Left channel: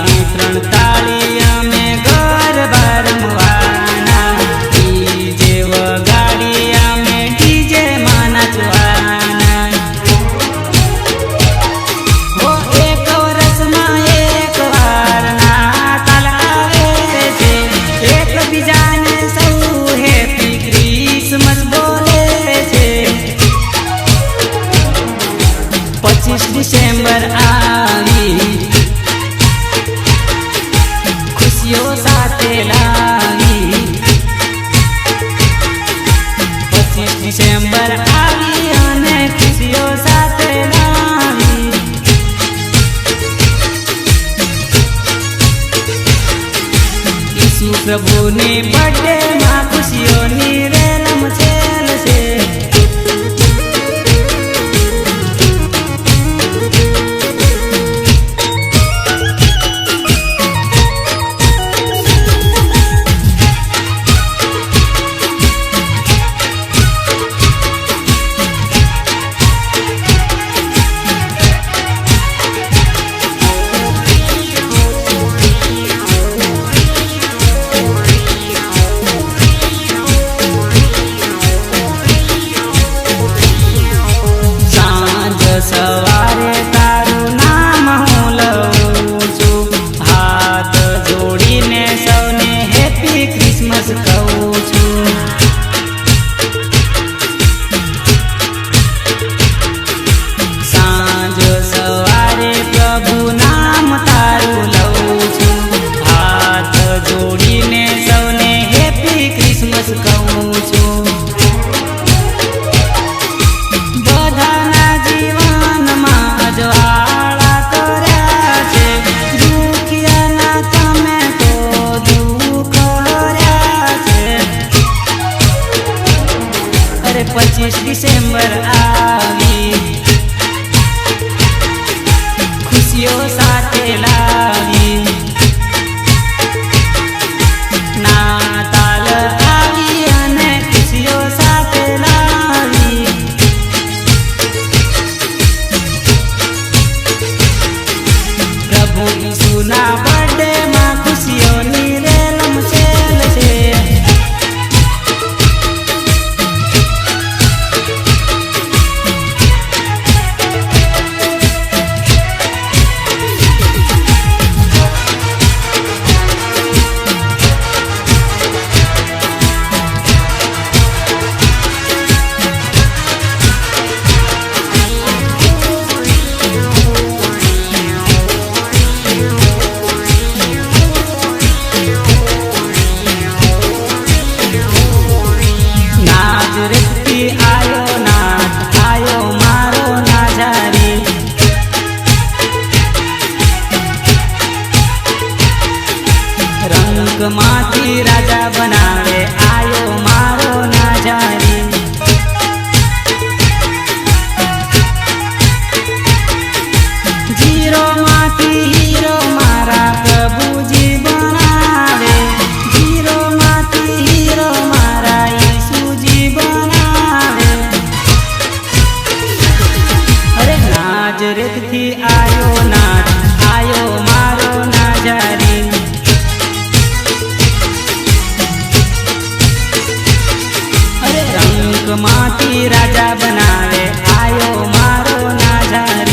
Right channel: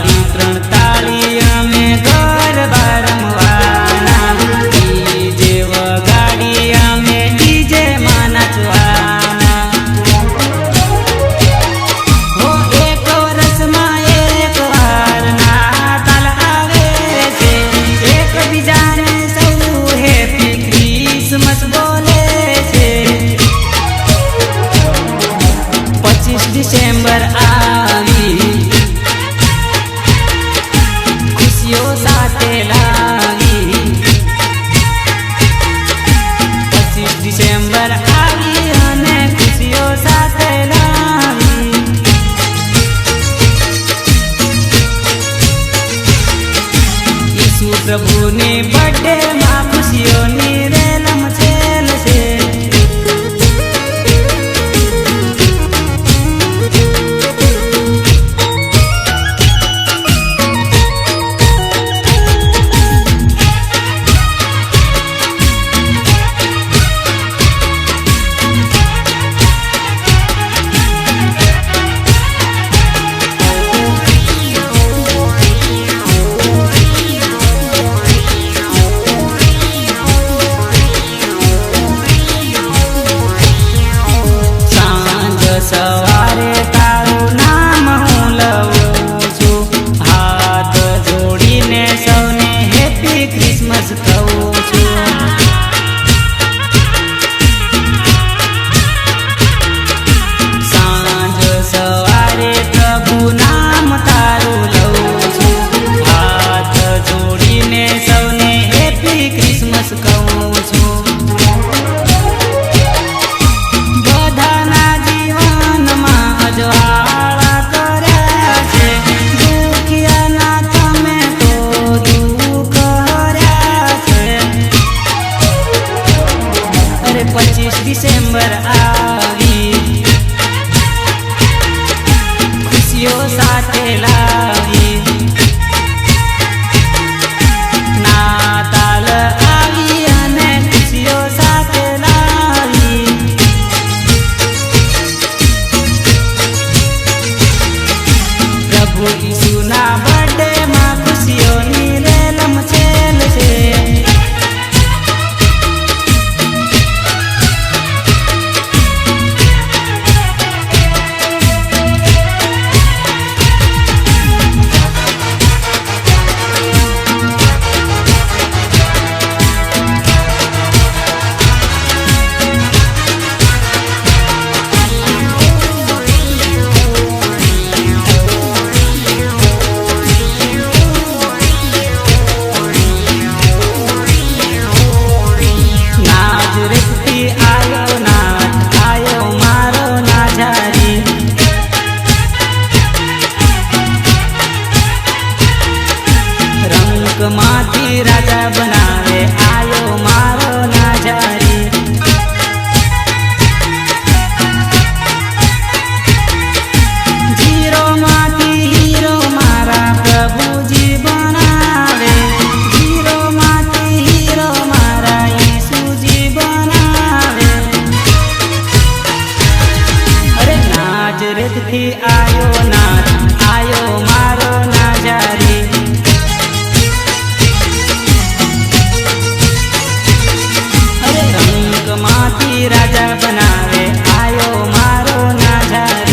તાળી ત્રણ તાળી પ્રભુની બર્થડે માં ખુશીઓની રેલમ છેલ છે માંથી રાજા બનાવે, આયો મારો નાજારી. જીરો માંથી હીરો મારા પ્રભુજી બનાવે. જીરો માંથી હીરો મારા ઈસુજી બનાવે. અરે નાજ રેતથી આયો નાચ આયો મારો નાજારી. માંથી રાજા બનાવે. આયો મારો નાઝાર.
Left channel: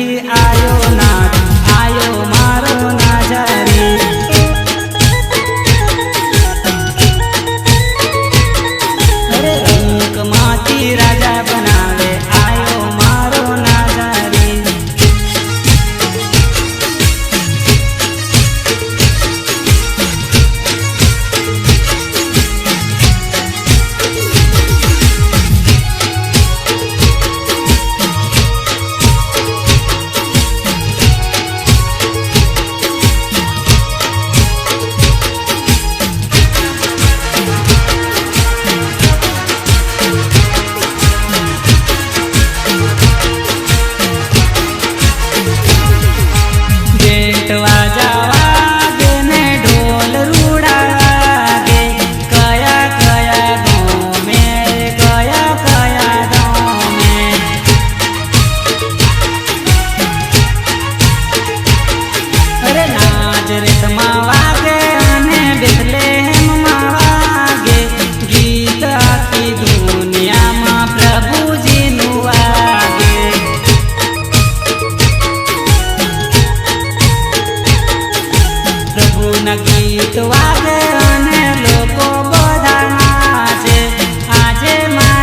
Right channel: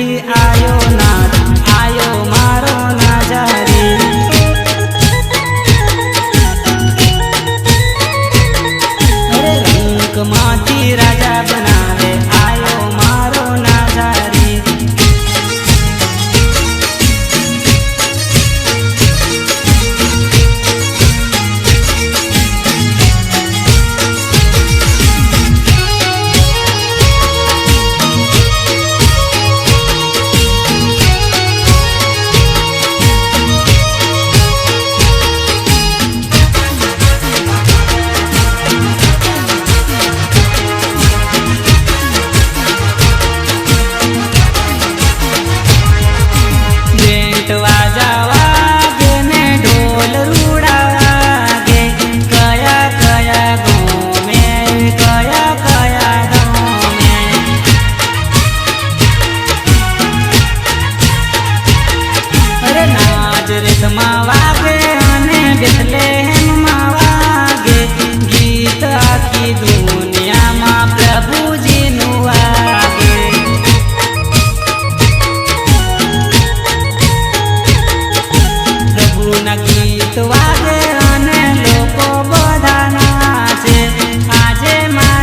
ที่อ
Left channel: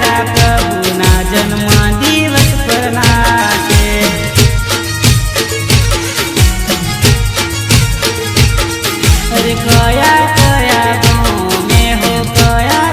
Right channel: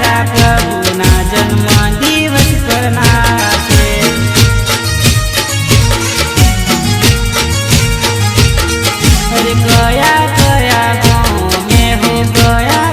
મારા પ્રભુના જન્મ દિવસ પરના છે અરે કયા કયા ગો મેં હો કયા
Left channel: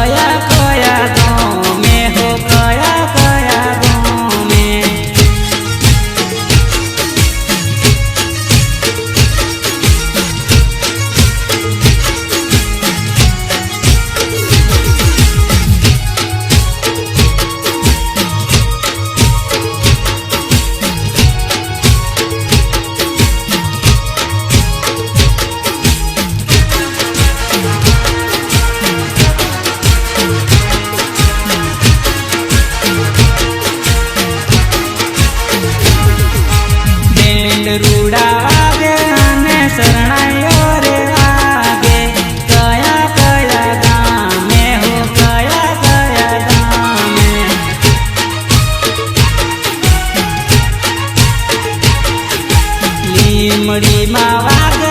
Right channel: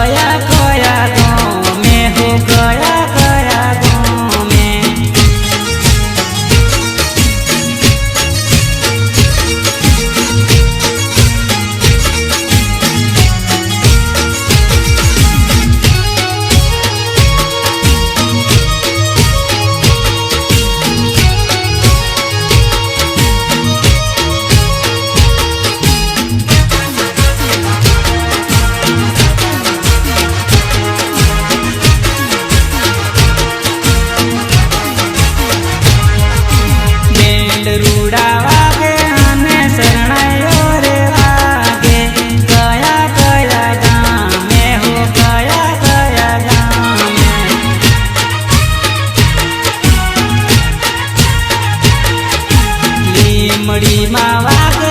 દયા લીમડીમાં વાગે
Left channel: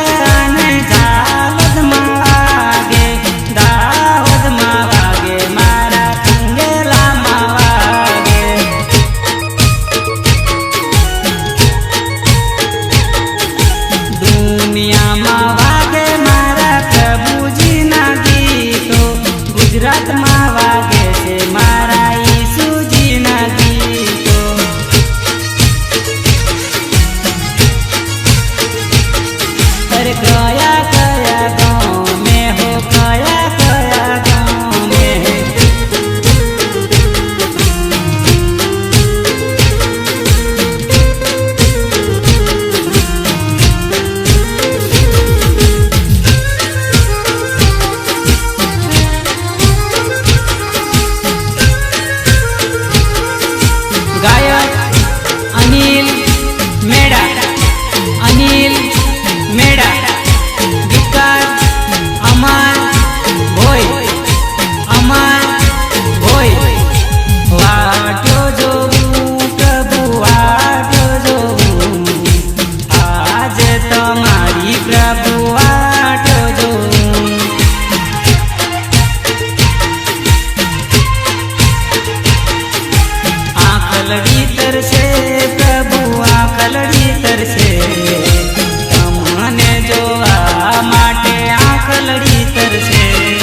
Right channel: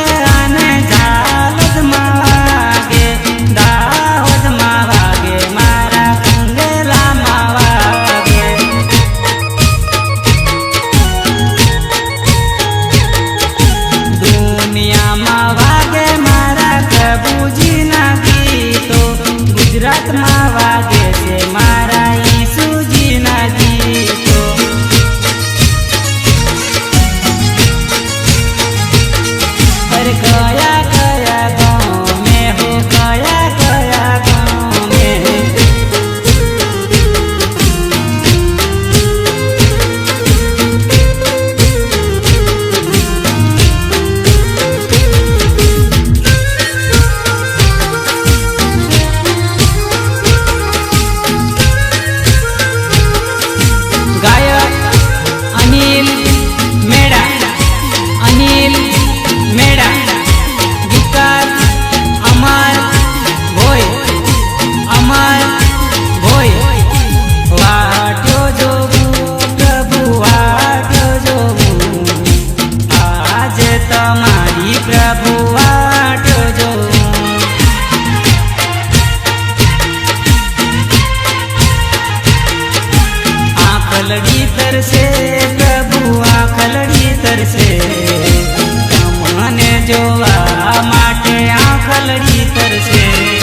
આખલડી તરસે.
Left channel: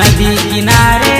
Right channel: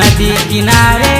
नदी किनारे